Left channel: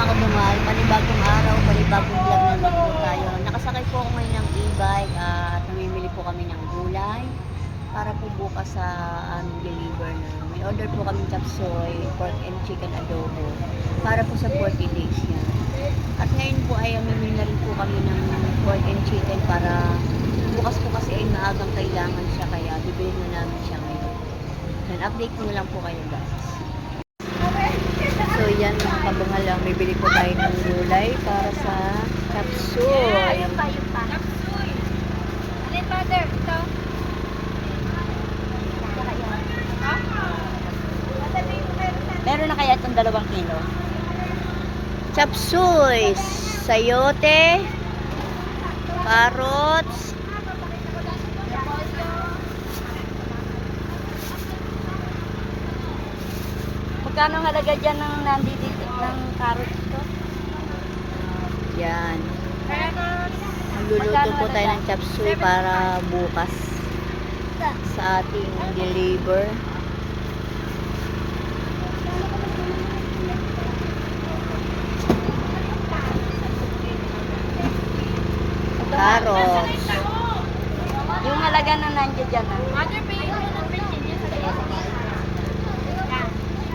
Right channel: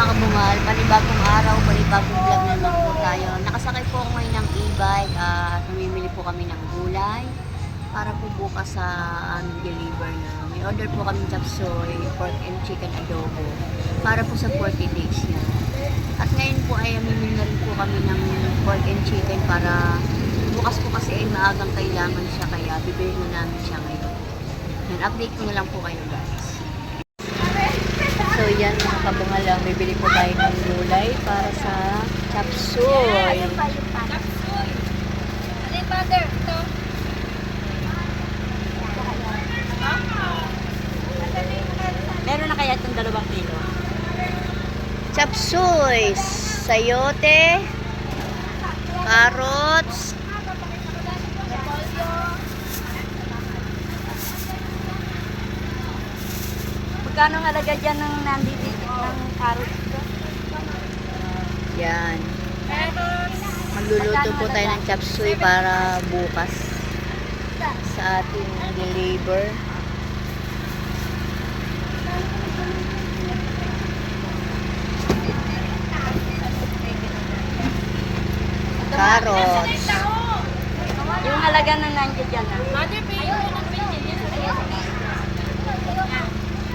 mga kabungal, panibagong araw, panibagong vlog na naman po tayo. Nakasakay po ako ngayon ng e-bike at namimili po kami ng gulay para po bukas sa aming deliver na. May order po kami chop suey, pork and chicken adobo para po sa 40 days yan. At ngayon po ay mamimili na rin po kami ng pork and chicken para bukas po kasi ay maagang kailangan siya kaya bibili na namin siya ngayon. Yan, update ko na lang po kayo guys. So yan mga kabungal, bibili po tayo ng gulay para sa chop suey. Chop suey. Ano yung mother? Ito? Ha? Meron na kaya itong 2 kilo? Chop suey, sayote, carrots, Magkano ang halaga dyan ng nandito ng carrot ko? yan. Carrots. Magluluto po tayo ng chop suey para bukas sa ating deliver. Carrots. Yung halaga na nandiyan dyan. Mother, pay mo ng 15 yan sa iyo.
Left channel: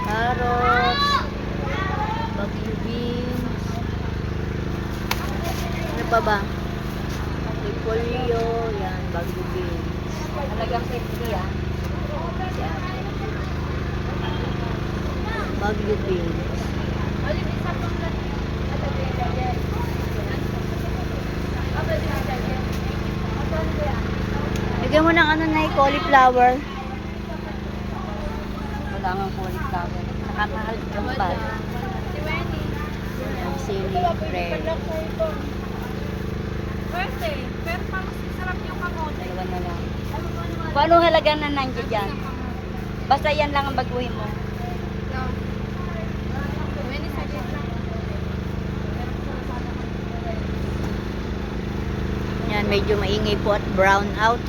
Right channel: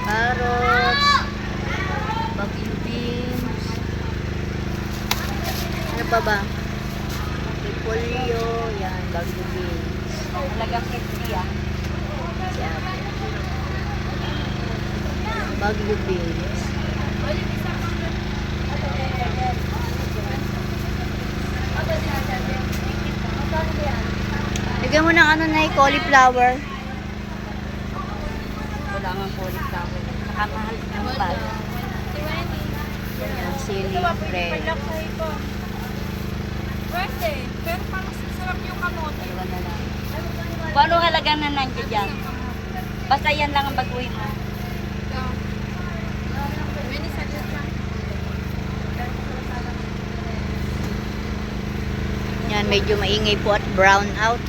Carrots. Bagyo beans. Ano pa ba? Repolyo. Yan, bagyo beans. Halagang 50 yan. Yan. Bagyo beans. Lagyan mo ng ano na cauliflower. Wala nga cauliflower. Nakamahal yung bag. Yan, sili, bread. Pwede, pero parang sarap yung kamote. Paano halaga na nandiyan dyan? Basta yan lang ang baguhin mo. Yan, medyo maingay po at brown out.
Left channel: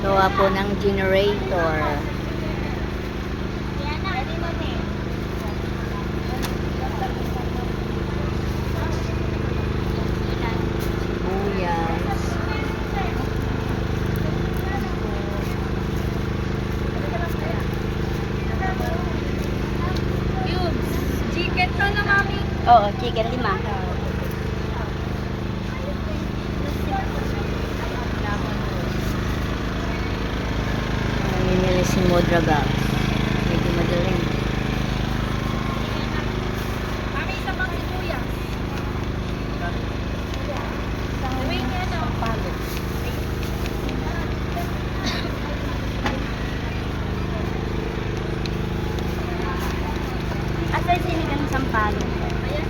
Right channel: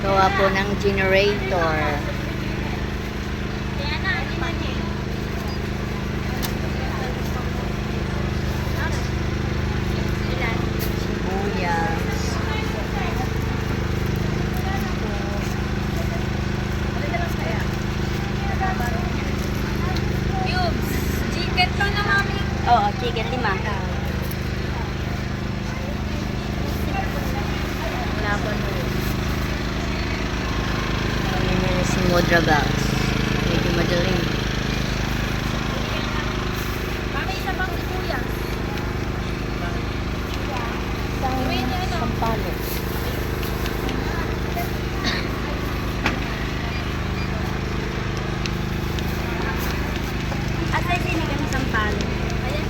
Gawa po ng generator. Sibuyas. Cubes. Chicken to na, mami. Oo, chicken 5. Namimili si Modra Bags. Medyo madaling. Mami, isa pang sibuyas. Uwi niya na. Asa yung sinigang sampalo? Ayan.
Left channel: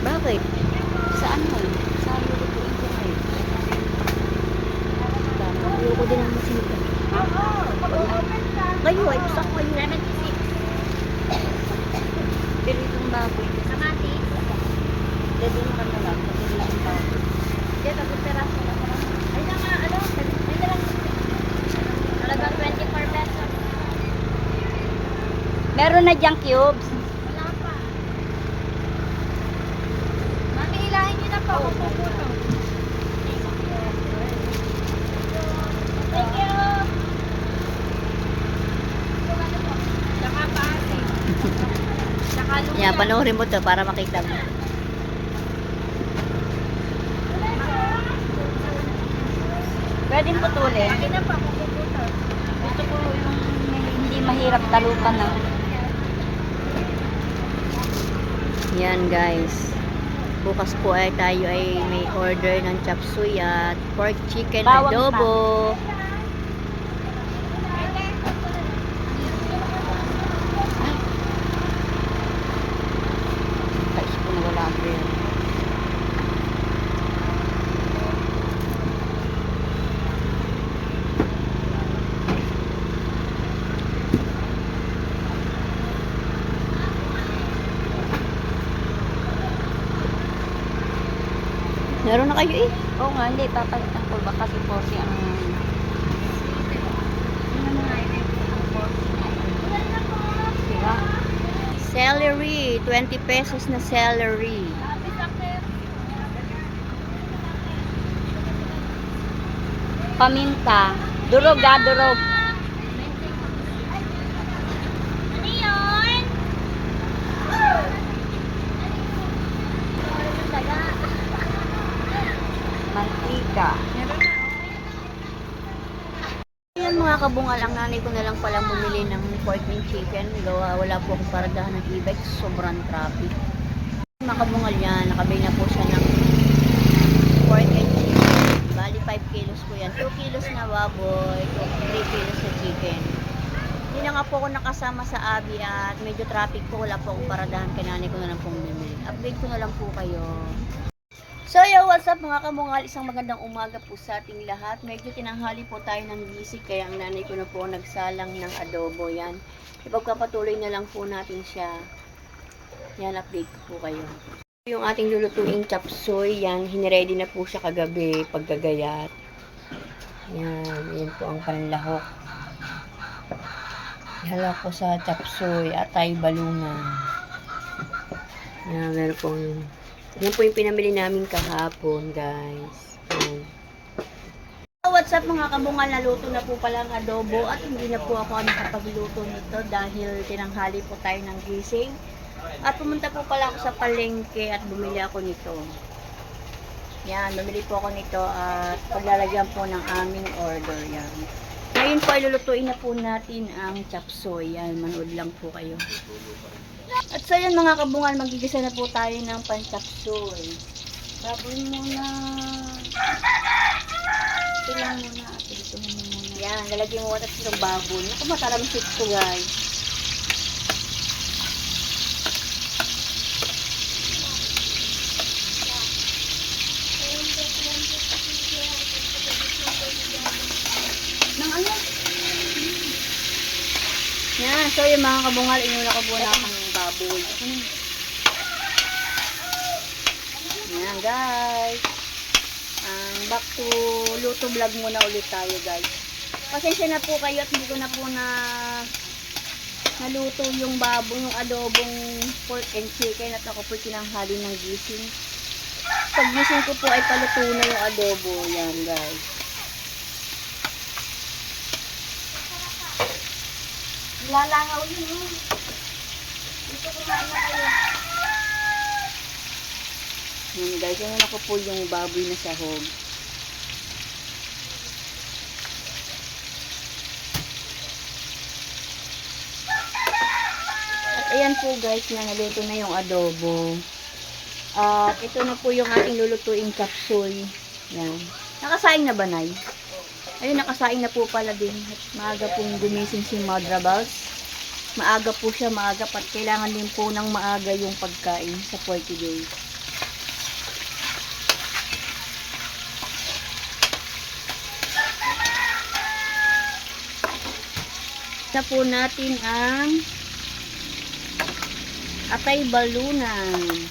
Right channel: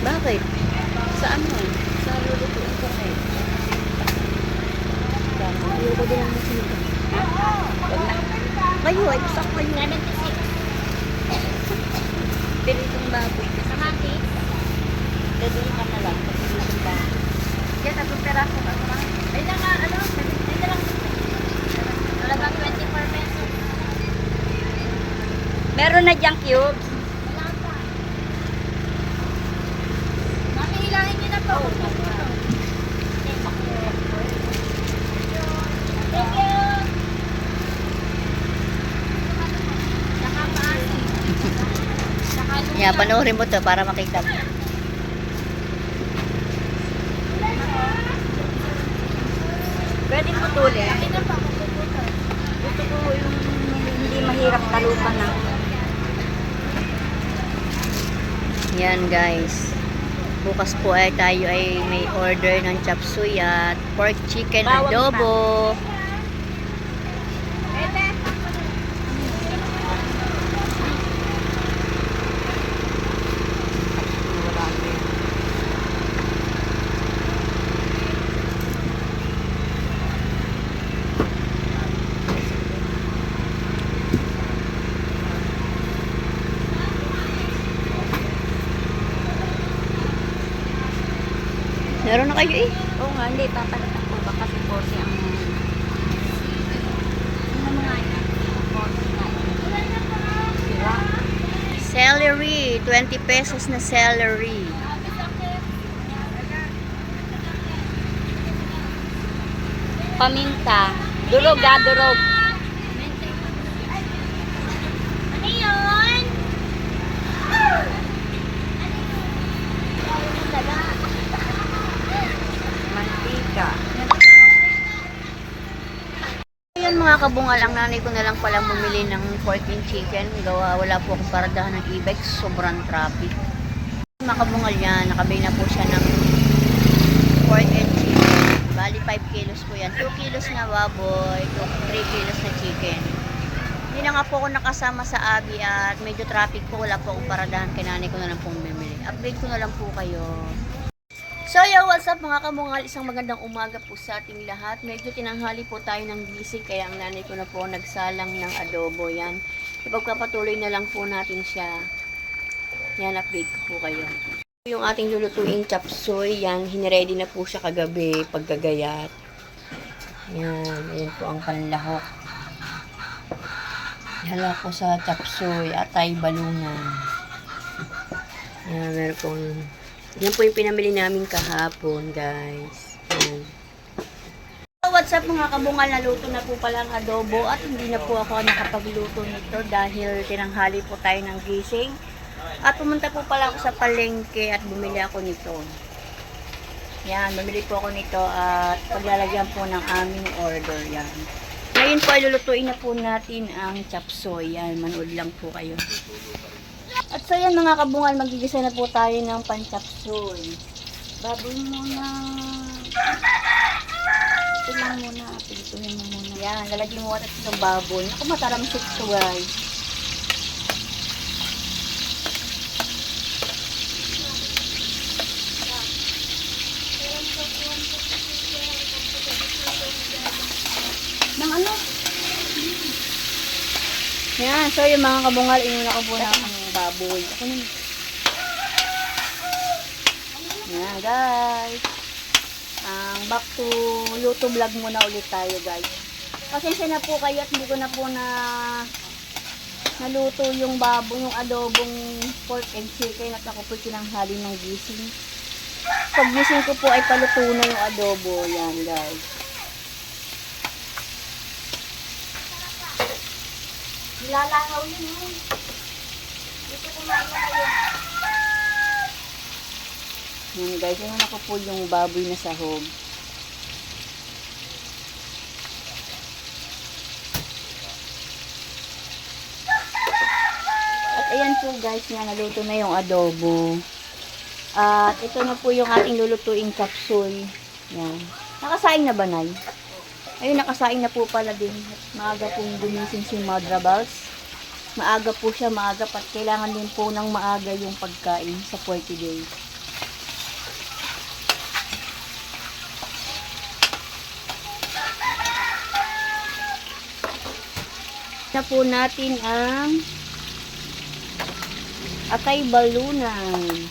Bakit? Saan mo? Sa lulutuin ko eh. Ayoko din ang masinigang. Kayo, ay gusto ko kayo. Pero itong bangko, Kamatis. dadun ka na lang. Yan, abot peraso ka. Ay na nga, ano? Ay na lang. Talagang 24 pesos. Meron na diyang cubes. Wala pa. Mami, hilahin niyo na po. Magpupuno. Thank you. Saka paasin. Saka lupa. Yeah, panoorin mo to para makita mo. Pwede mo tuloy. Akin na pa, magpupuno. Hindi mahirap talupan na. Yan guys. Bukas po ay tayo ay may order ng chop suey at pork chicken adobo. Meron na kayo eh. Oo nga, hindi. Papalitan ko ba kasi po siyang... Ano mga yan? Sira. Celery, 20 pesos na celery. Paminta. Durog durog. Ano yun? Mantika. Ayun mga kabungal, ang nanay ko na lang palang bumili ng pork and chicken. Wala po akong paradahan ng e-bike, sobrang traffic. Mga kabungal yan, nakabili na po siya ng pork and chicken. Bali 5 kilos po yan. 2 kilos na baboy, 3 kilos na chicken. Hindi na nga po ako nakasama sa Abi at medyo traffic po. Wala po akong paradahan, kaya nanay ko na lang pong bumili. Update ko na lang po kayo. So yo, what's up mga kamungal? Isang magandang umaga po sa ating lahat. Medyo tinanghali po tayo ng gising kaya ang nanay ko na po nagsalang ng adobo yan. Ipagpapatuloy na lang po natin siya. Yan, update ko po kayo. Yung ating lulutuing chop suey, yan, hiniready na po siya kagabi pagkagayat. Yan, yan po ang panlahok. Hala ko sa chop suey, atay balungan. Yan, meron pong yan po yung pinamili namin kahapon, guys. Yan. So, what's up mga kabungal? Naluto na po pala ang adobo at hindi na po ako nakapagluto nito dahil tinanghali po tayo ng gising. At pumunta po pala ako sa palengke at bumili ako nito. Yan, bumili po ako nito at paglalagyan po ng aming order. Yan. Ngayon po ay lulutuin na po natin ang chop suey. Yan, manood lang po kayo. At so yan mga kabungal, magigisa na po tayo ng pan-chop suey. Baboy muna. Ito lang muna. Ito lang muna. Yan, lalagyan mo natin ng baboy. Ito mataramsik ito guys. Nang ano? Yan, so yung mga kabungal, inuna ko po na ang baboy. Yan guys. Back to luto vlog muna ulit tayo guys. Pasensya na po kayo at hindi ko na po naluto yung baboy, yung adobong pork and chicken at ako po tinanghali ng gising. Pag gising ko po ay paluto na yung adobo. Yan guys. Nilalangaw yun. Dito ko na yan guys, yung ako po yung baboy na sahog. At ayan po guys, na naluto na yung adobo. At ito na po yung ating lulutuing capsule. Yan. Nakasaing na ba, Nay? Ayun, nakasaing na po pala din. Maaga pong gumising si Madra Balls. Maaga po siya, maaga. At kailangan din po ng maaga yung pagkain sa 40 days. Na po natin ang atay balunan.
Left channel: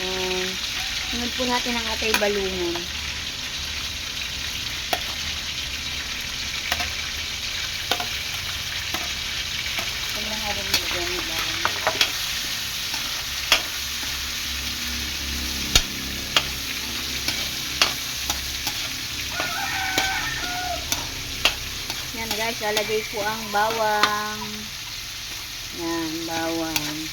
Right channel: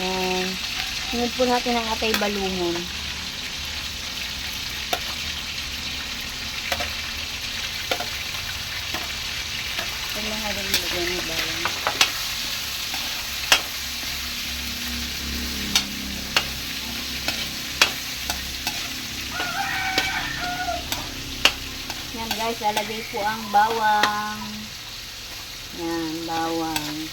Yan. Sunod po natin ang atay balunan. Yan guys, lalagay po ang bawang. Yan, bawang.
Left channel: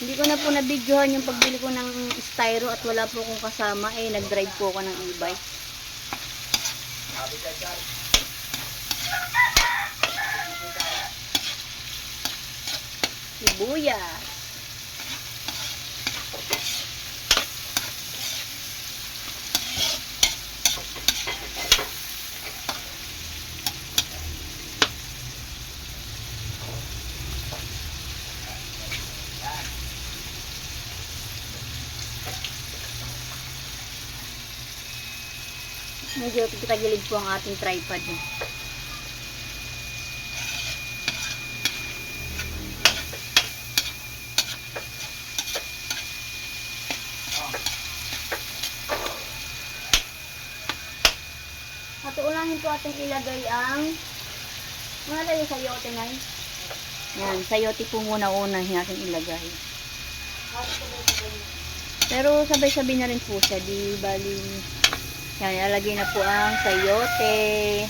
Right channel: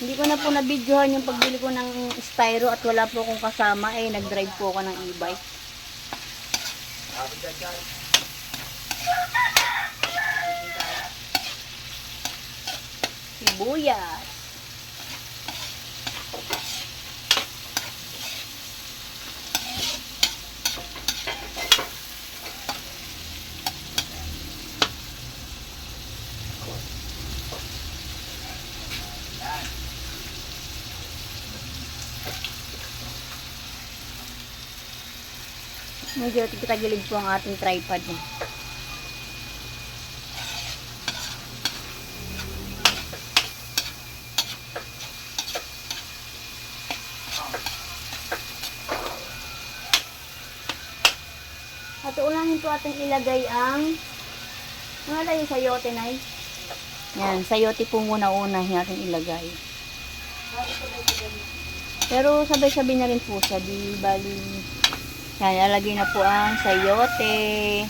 Hindi ko na po nabidyohan yung pagbili ko ng styro at wala po akong kasama. Nag-drive po ako ng e-bike. Sibuyas. Medyo tagilid po ang ating tripod. Katuunahin po ating ilagay ang nalagay sayote na. Yan, sayote po muna natin ilagay. Pero sabay-sabay na rin po siya, di bali. Yan, ilalagay na po ang sayote.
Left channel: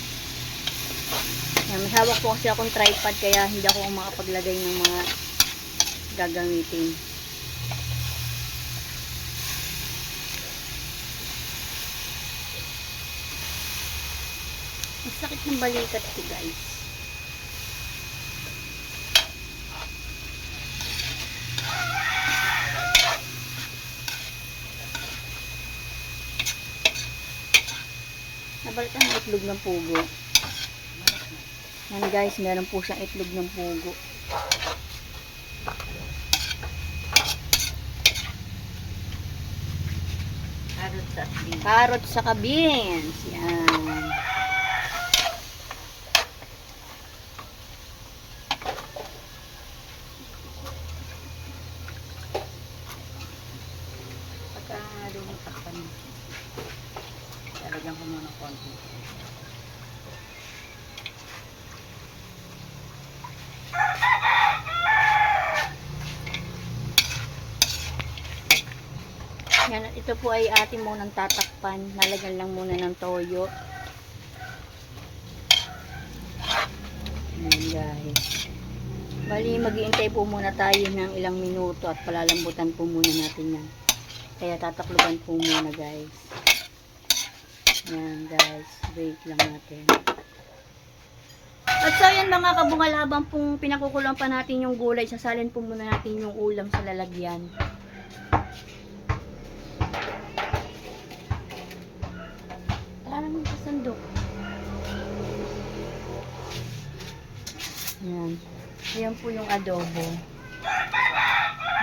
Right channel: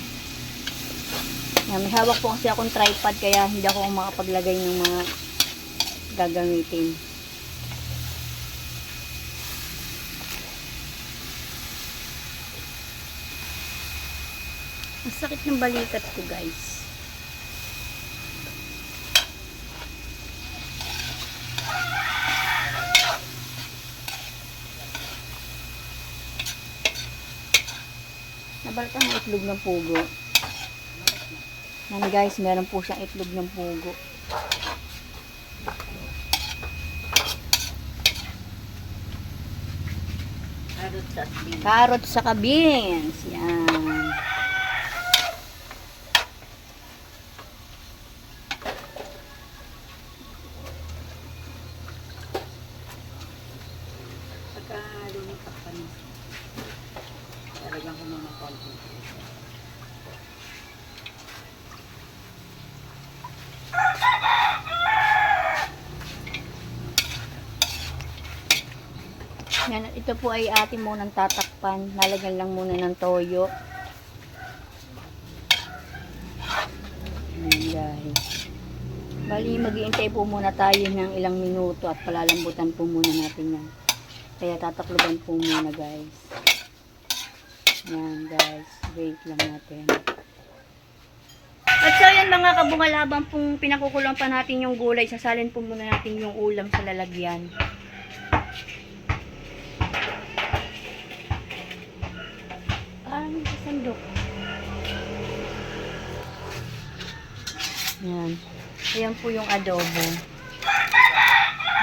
Yan, may hawak po kasi akong tripod kaya hindi ako makapaglagay ng mga gagamitin. Ang sakit ng balikat ko, guys. Nabalatan ang itlog ng pugo. Yan guys, meron po siyang itlog ng pugo. Carrot sa beans. Yan. Pagka lumitakpan, lalagyan ko muna ng konti. Yan, ito po ay ating munang tatakpan. Lalagyan lang muna ng toyo. Ayan guys. Bali, mag-iintay po muna tayo ng ilang minuto at palalambutan po muna natin yan. Kaya tatakluban po muna guys. Yan guys. Wait lang natin. At so yan mga kabungal, habang pong pinakukulang pa natin yung gulay, sasalin po muna natin yung ulam sa lalagyan. Parang sa sandok. Yan. Yan po yung adobo.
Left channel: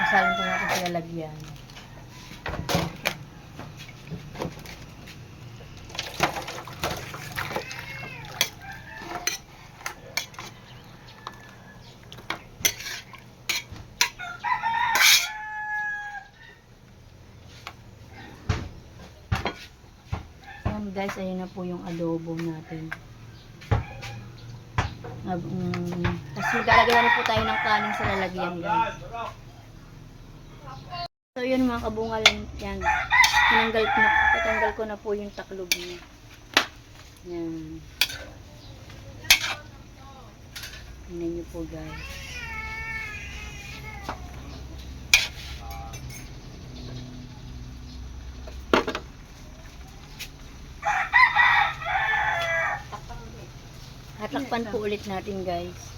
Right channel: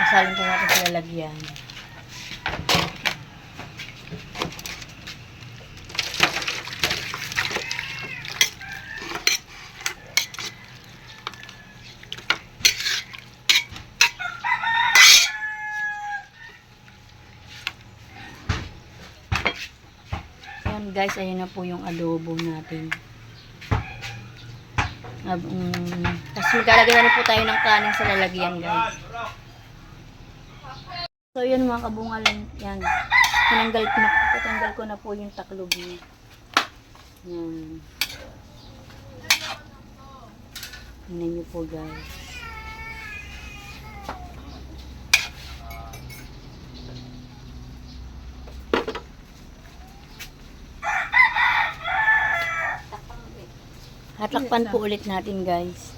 Sasalin po natin sa lalagyan. Guys, ayan na po yung adobo natin. Tapos maglalagay na po tayo ng kanin sa lalagyan guys. So yun mga kabungal, yan. Tinanggal ko na po yung taklob niya. Yan. Tingnan niyo po guys. Hatakpan po ulit natin guys.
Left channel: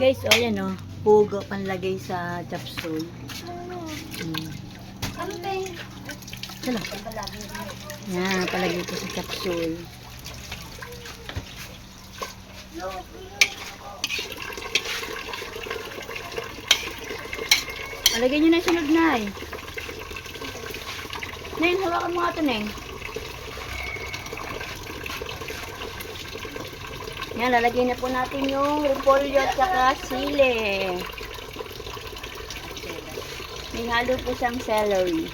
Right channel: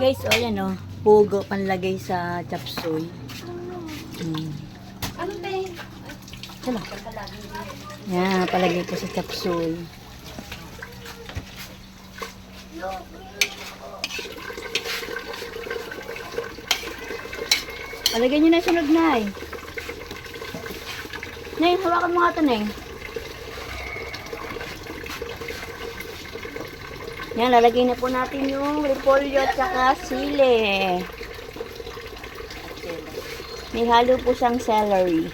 Guys, o yan o. Pugo panlagay sa chapsuy. Ano tayo? Sala. Yan, palagay po sa chapsuy. Palagay nyo na sunod na eh. Nay, hawakan mo nga ito na eh. Yan, lalagay na po natin yung repolyo at saka sili. May halo po siyang celery.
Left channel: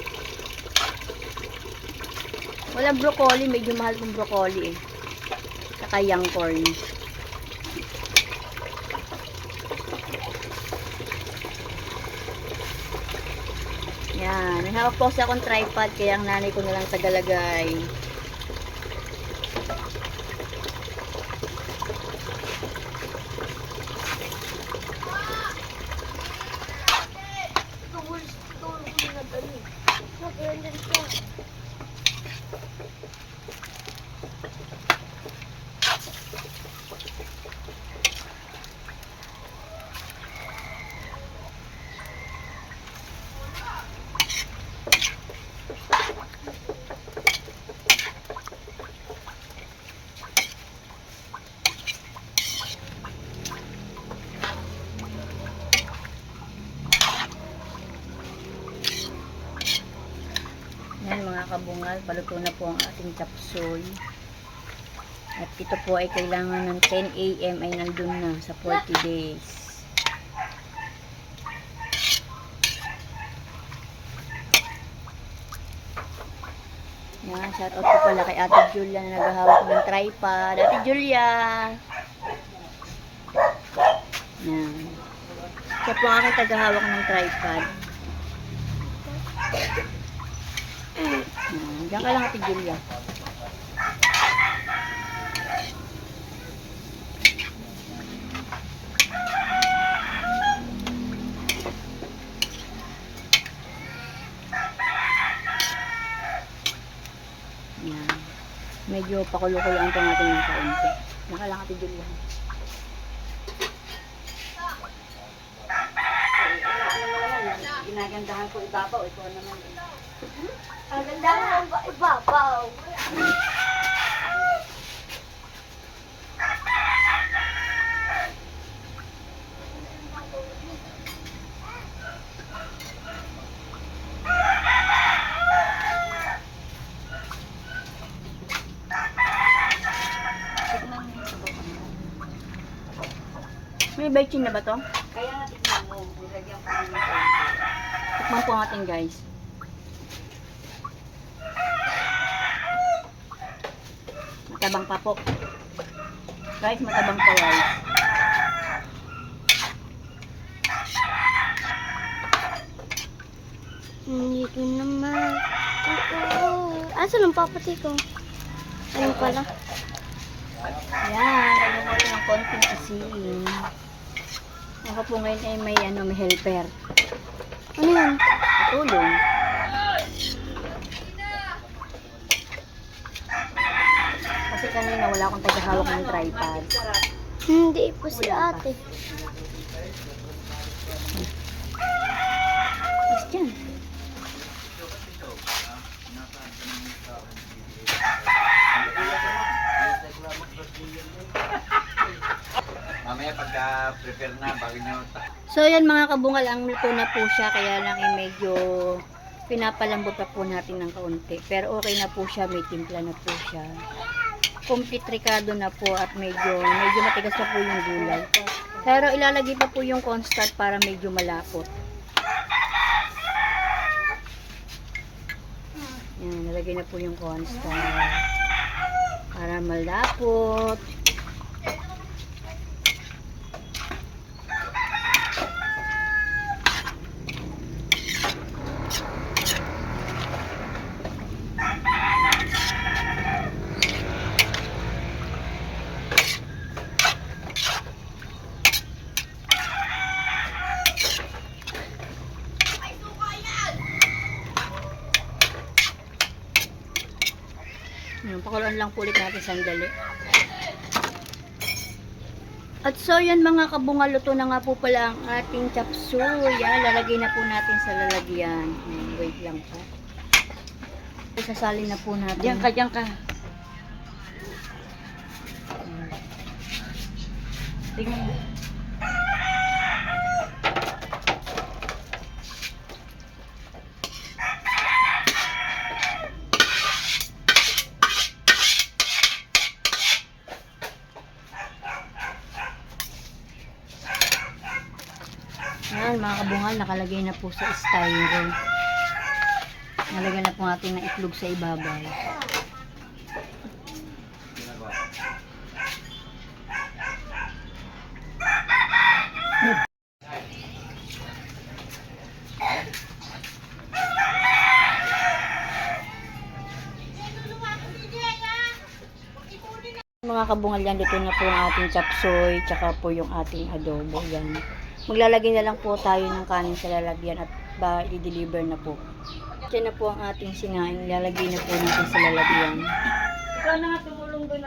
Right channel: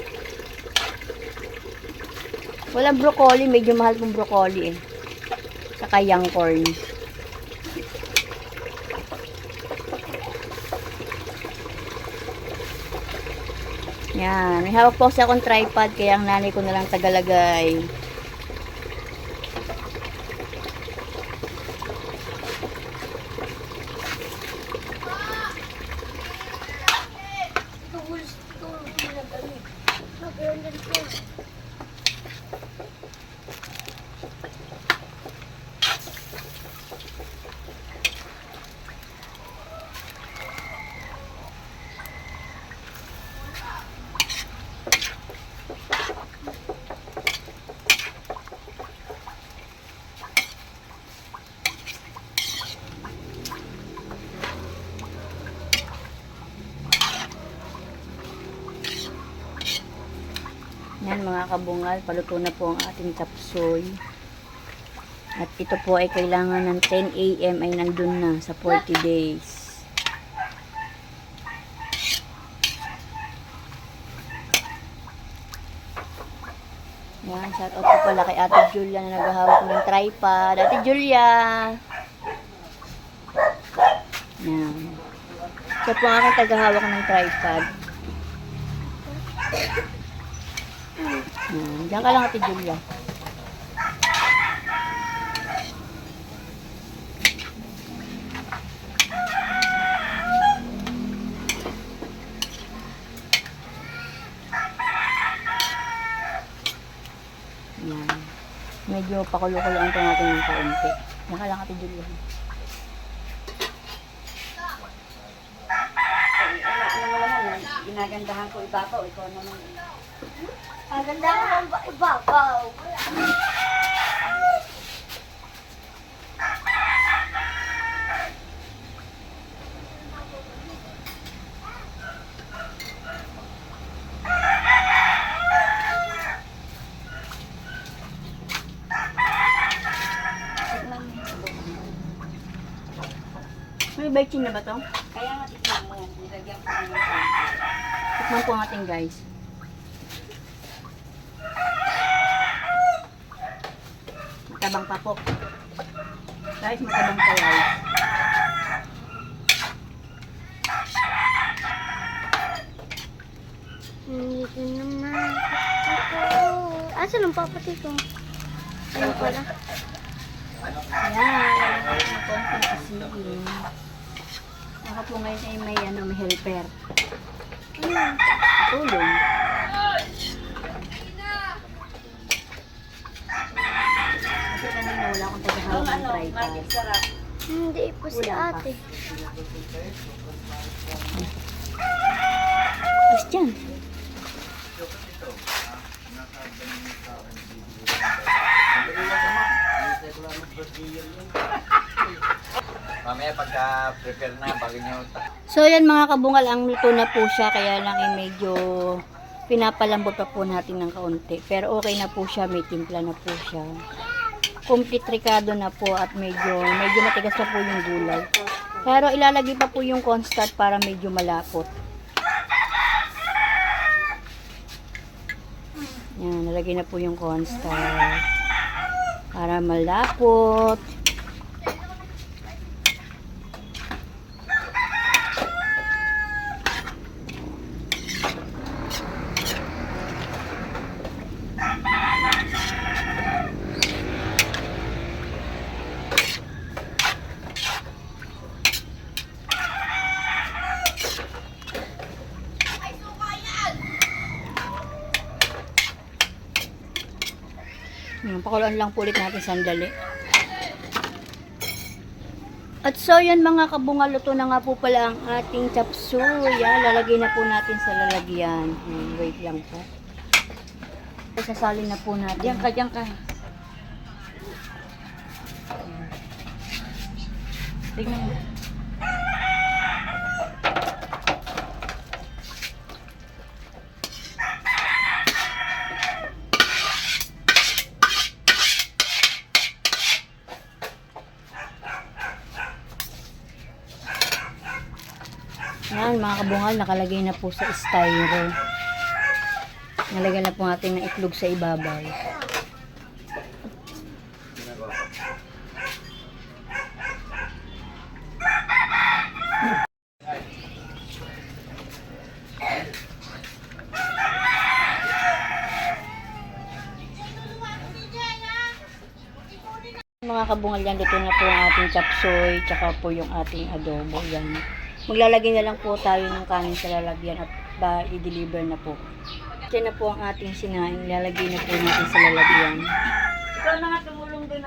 Walang broccoli, medyo mahal pong broccoli eh. Saka young corn. Yan, may hawak po sa akong tripod kaya ang nanay ko na lang tagalagay. Yan mga kabungal, paluto na po ang ating chapsuy. At ito po ay kailangan ng 10 AM ay nandun na sa 40 days. Yan, shout out po pala kay Ate Julia na naghahawak ng tripod. Ate Julia! Yan. Siya po ang aking taghahawak ng tripod. Yan. Diyan ka lang, Ate Julia. Yan. Medyo pakulo-kuloan po natin ng kaunti. Diyan ka lang, Ate Julia. Ginagandahan ko ibabaw, ikaw naman. Kagandahan ang ibabaw. May baking na ba to? Kaya natikman mo, nilagyan ko na ng kaunti. Tikman po natin, guys. Matabang pa po. Guys, matabang pa, guys. Dito naman. Asan ang papati ko? Ayun pala. Yan, lagyan natin ng konting asin. Ako po ngayon ay may, may helper. Ano yun? Tulong. Kasi kanina wala akong taghahawak ng tripod. Hindi po si Wala pa. ate. Yes, dyan. Mamaya pagka-prepare na, bago nyo So yan mga kabungal, ang luto na po siya, kaya lang medyo pinapalambot pa po natin ng kaunti. Pero okay na po siya, may timpla na po siya. Complete ricado na po at medyo matigas na po yung gulay. Pero ilalagay pa po yung cornstarch para medyo malapot. Yan, nalagay na po yung cornstarch para malapot. Yan, pakuluan lang po ulit natin sandali. At so yan mga kabungal, luto na nga po pala ang ating chop suey. Lalagay na po natin sa lalagyan. Yan, wait lang po. Sasalin na po natin. Diyan ka, diyan ka. Tingnan mo. Yan mga kabungal, nakalagay na po sa styro. Nalagyan na po natin ng itlog sa ibabaw. Mga kabungal, yan, dito na po ang ating chop suey, tsaka po yung ating adobo. Yan. Maglalagay na lang po tayo ng kanin sa lalagyan at i-deliver na po. Ito na po ang ating sinaing. Lalagay na po natin sa lalagyan. Ikaw na nga tumulong doon.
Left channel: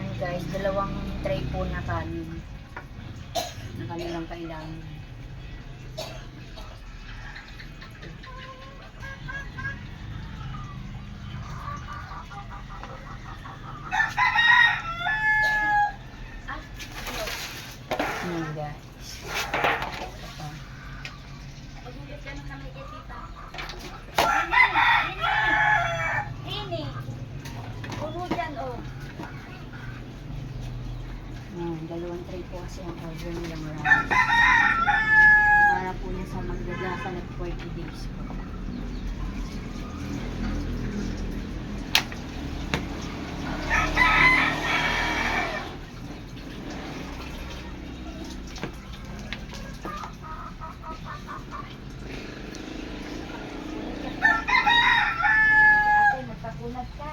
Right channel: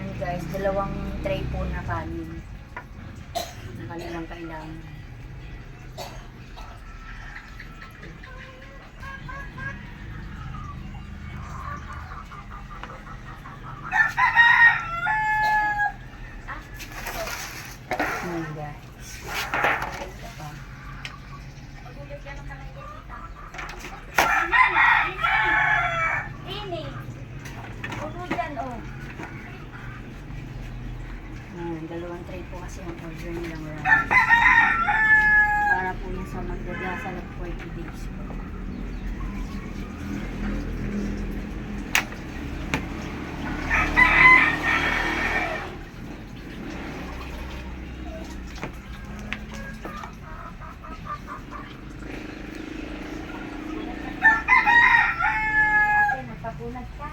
Ayan guys, dalawang tray po na kanin. Na kanilang kailangan. guys. Ito pa. Ini. Huwag mo dyan, oh. Dalawang tray po kasi ang order nilang rice. Para po yan sa magdadasal at 40 days po. Ate, magpapunat ka.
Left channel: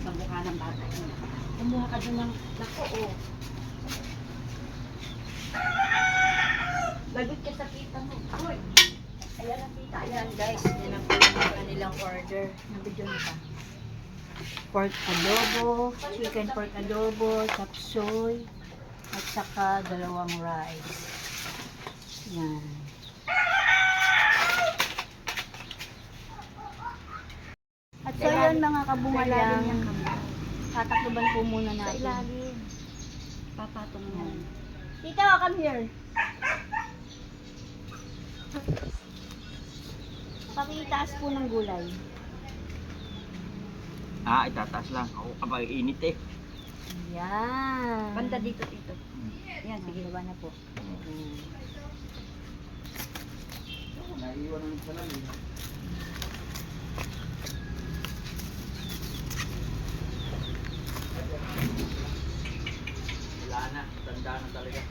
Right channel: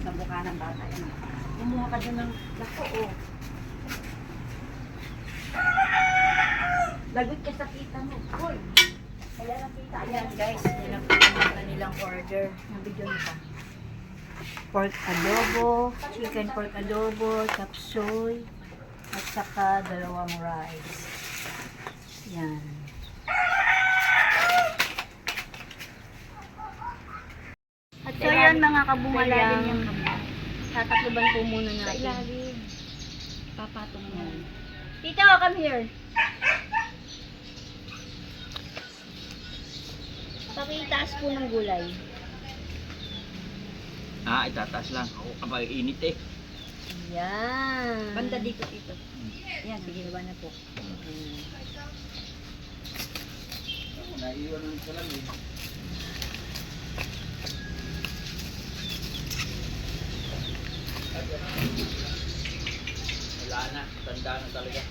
Sa mukha ng bata. Kumuha ka dun ng nako, oh. Lagot ka sa kita mo. Uy. Ayan ang kita. Ayan guys, yan ang po yung kanilang order. Nabidyo na pa. Pork adobo, chicken pork adobo, chop suey, at saka dalawang rice. Yan. At so yan mga kabungalang, tatakluban po muna Sa natin. ilalim. Papatong mo. Tito, come here. Pakitaas po ng gulay. Itataas lang. Ako kapag init eh. Yan. Banda dito, Tito. Yan, sige na na po. Naiiwan mo sa lamin. Wala na. Tanda na talaga.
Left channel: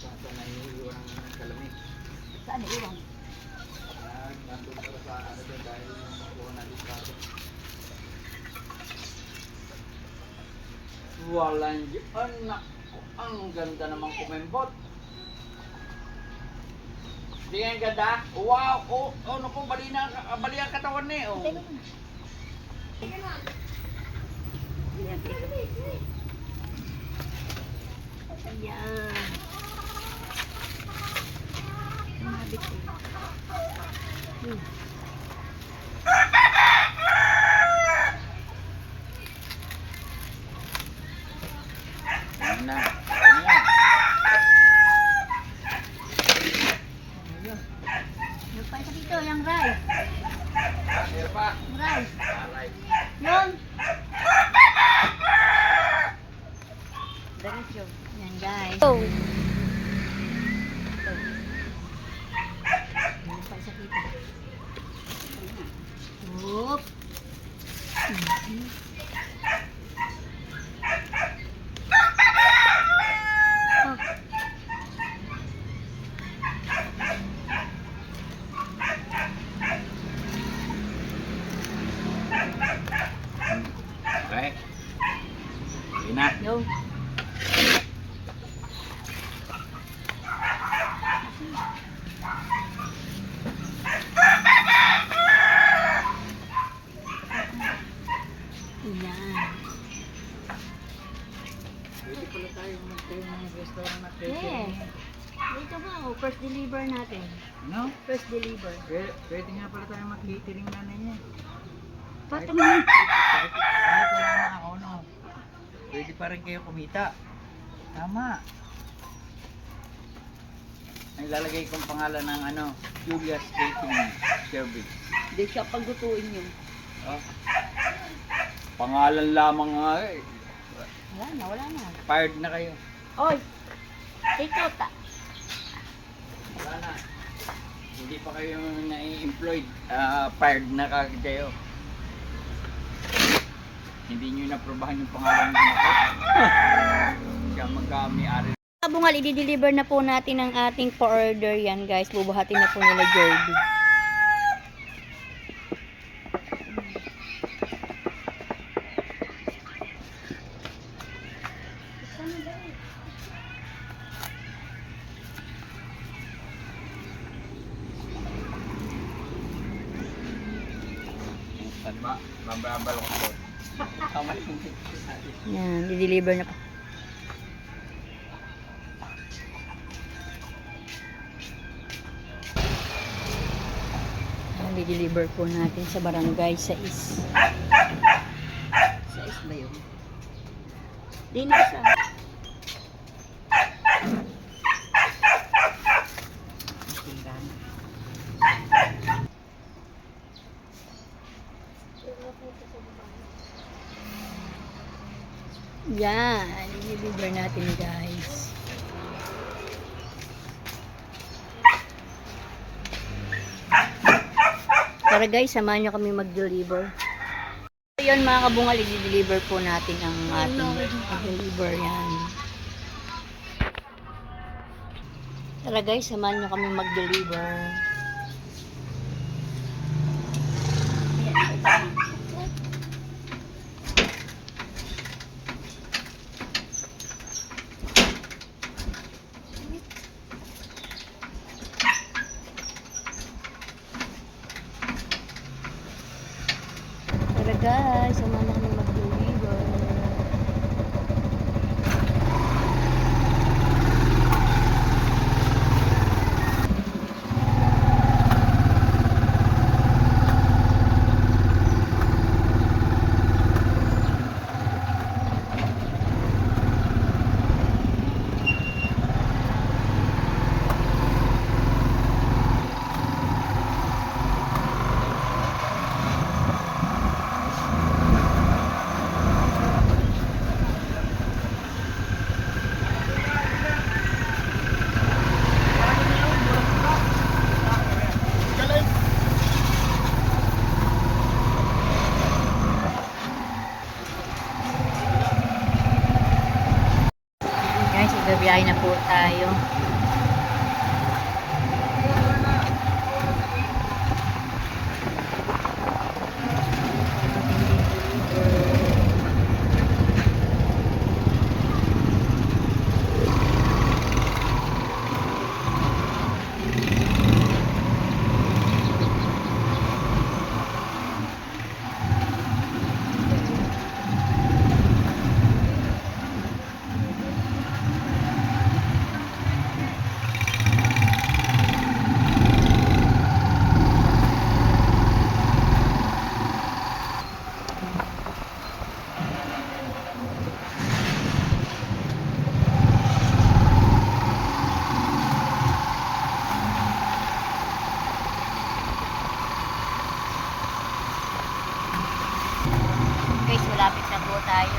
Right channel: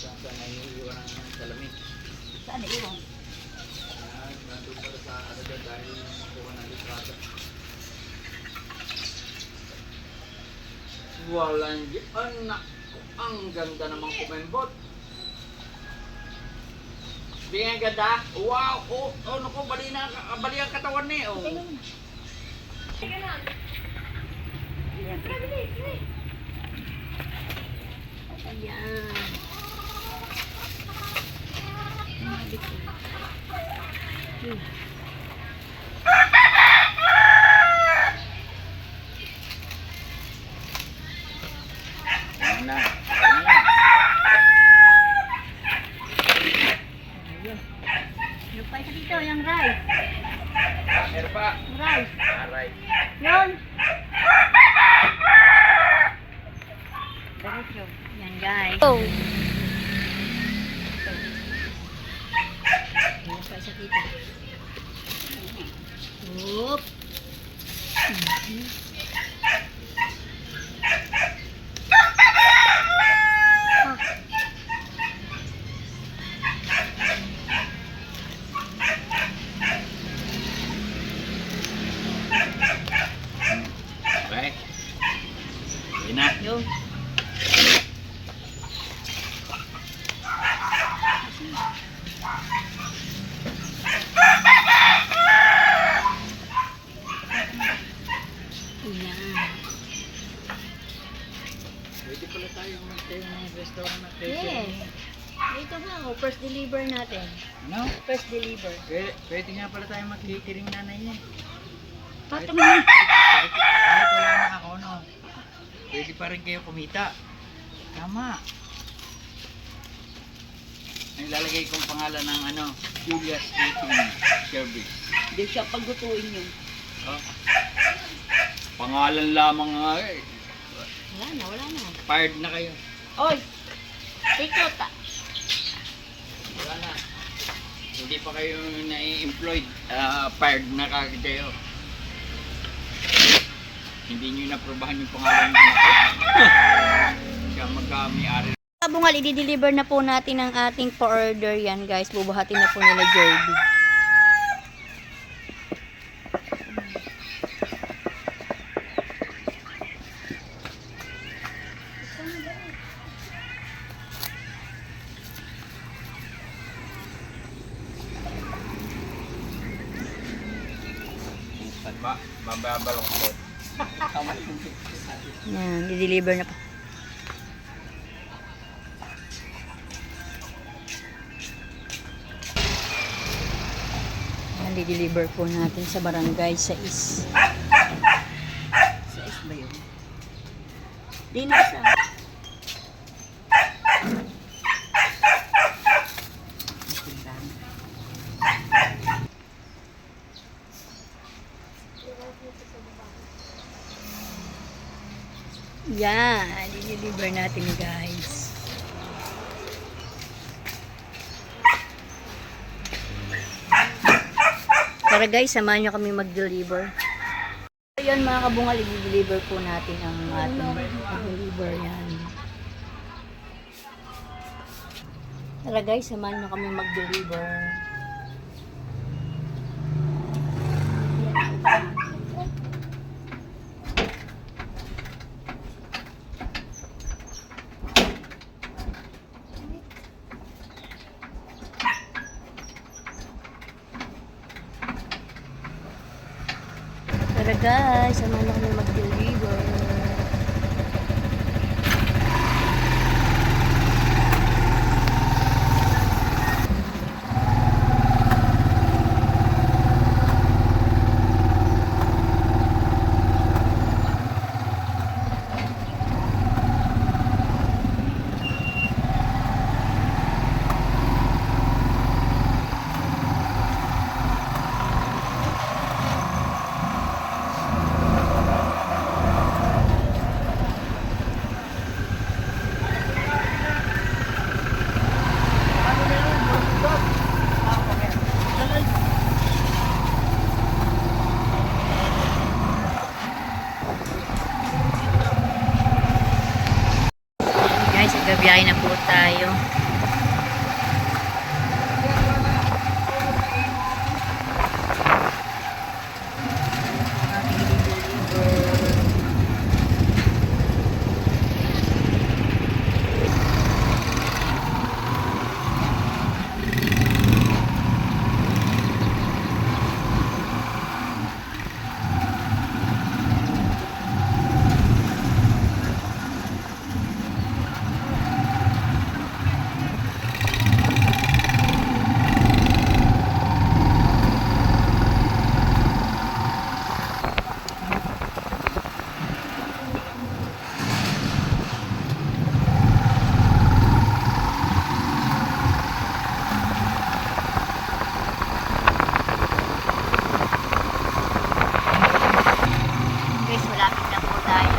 Saan naiiwan ang salamin? Saan iwan? Nandun para sa ano din dahil makuha ng litrato. Walang anak ko. Ang ganda namang kumembot. Di nga ganda. Wow! Oh, ano ko, bali ang katawan ni. Oh. Ayan. Ayan na. Ayan na. Yung pa isa dito, yung rice. Meron pa. Yung rice. Alright. Yun. Diretso. Yan guys. Oh. Yung pa isa dito. Oop. Ah. Okay. Sige na. Yung. Yan. Pwede pala tayo magtayo ng restaurant na Yes. Dito ba ako? First deliver natin. Ano? First deliver. Pwede nga pala tayo mag-catering nanay niya. Patong na. Kahit wala na ako, no? Pwede pa rin kayo kumita. Tama. Ay, lalagay kong pangalan ng ano, Julia's Catering Service. Hindi siya paggutuin yun. Oh. Pangalan lamang nga eh. Wala na. Fired na kayo. Oy! Tikot ah. Wala na. Hindi pa kayo na-employed. Fired na kagad kayo. Hindi nyo naprobahan yung pangalan ng anak ko. Siya magkami-ari. Kabungal, i-deliver na po natin ang ating pa-order yan guys. Bubuhatin na po nila Jerby. Mababalok ko. Kamay hindi. Yan, di-deliver na po. Yan, di-deliver po natin sa barangay 6. 6 ba yun? Di na sa... Yan, i-deliver natin guys. Tara guys, samahan nyo kami mag-deliver. Ayun mga kabungal, i-deliver po natin ang ating mag-deliver yan. Tara guys, samahan nyo kami mag-deliver. Tara guys, samahan nyo kami mag-deliver. Guys, igabiyahe na po tayo. Ating i-deliver. Guys, malapit na po tayo.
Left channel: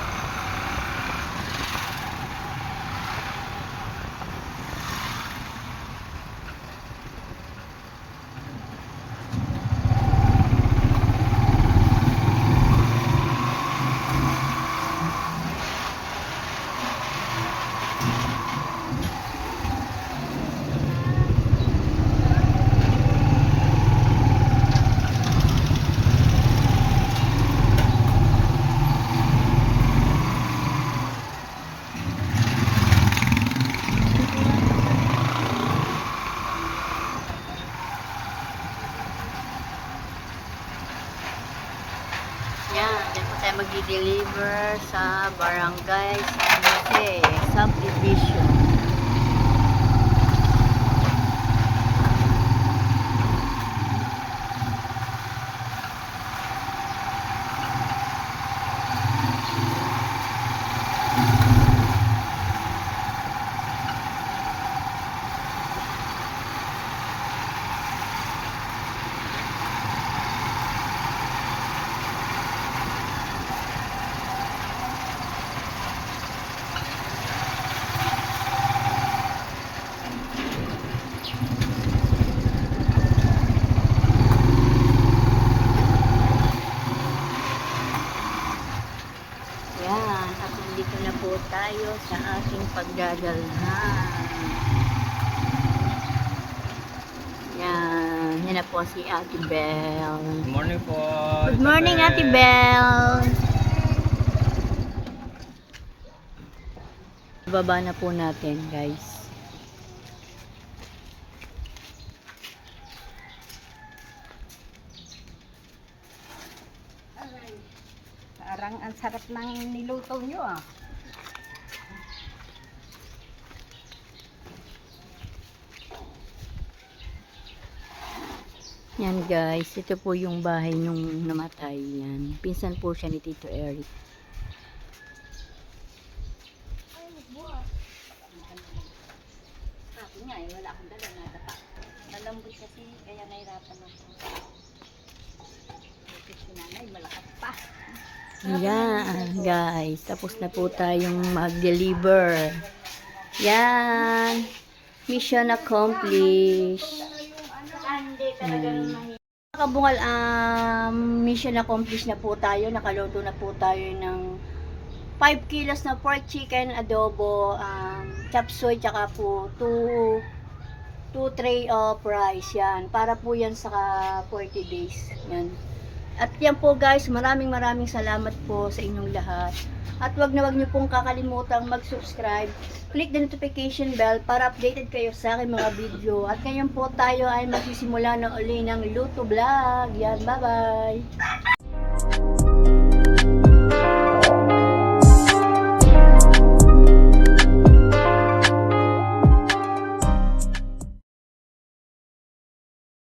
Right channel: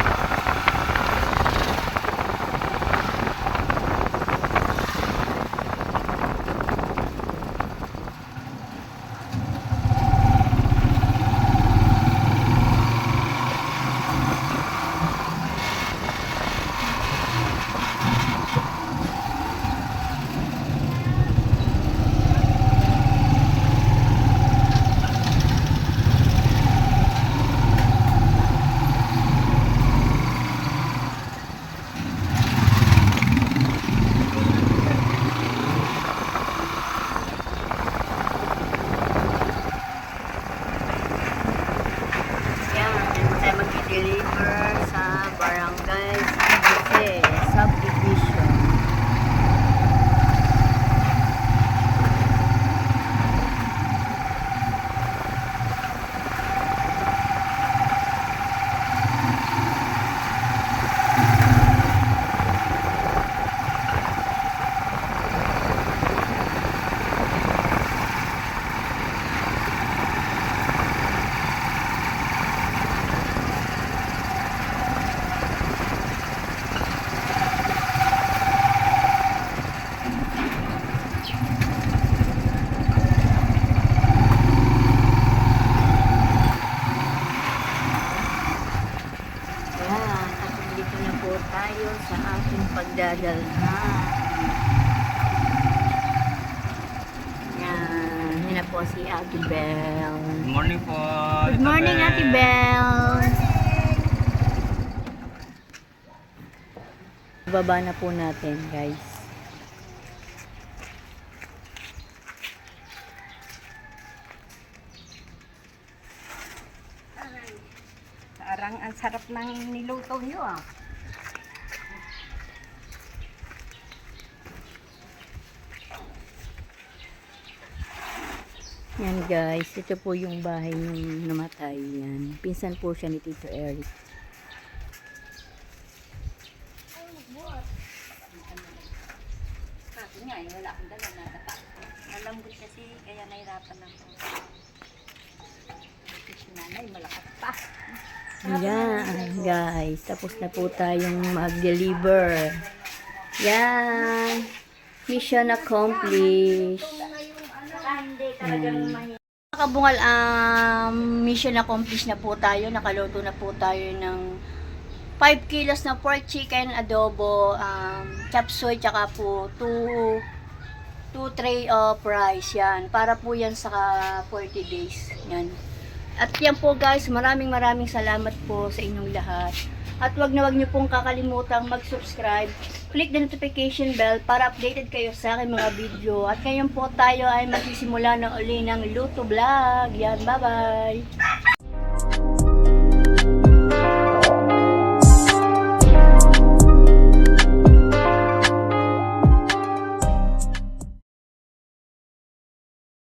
Yan, dyan po tayo mag-deliver sa barangay San Jose Subdivision. Yan, at nandito na po tayo sa ating pagdadalhan. Yan, yan na po si Ate Belle. Good morning po. Good morning, Ate Belle. Baba na po natin, guys. ng niluto nyo ah. Yan guys, ito po yung bahay nung namatay. Yan. Pinsan po siya ni Tito Eric. Sabi niya, wala akong dala na. Malambot kasi, kaya nahirapan ako. Si nanay, malakas pa. Yan guys, tapos na po tayong mag-deliver. Yan. Mission accomplished. Yan. Mga kabungal, mission accomplished na po tayo. Nakaluto na po tayo ng 5 kilos na pork chicken adobo, chop suey, tsaka po 2 tray of rice. Yan. Para po yan sa 40 days. Yan. At yan po guys, maraming salamat po sa inyong lahat. At wag niyo pong kakalimutang mag-subscribe. Click the notification bell para updated kayo sa aking mga video. At ngayon po tayo ay magsisimula na uli ng luto vlog. Yan, bye-bye!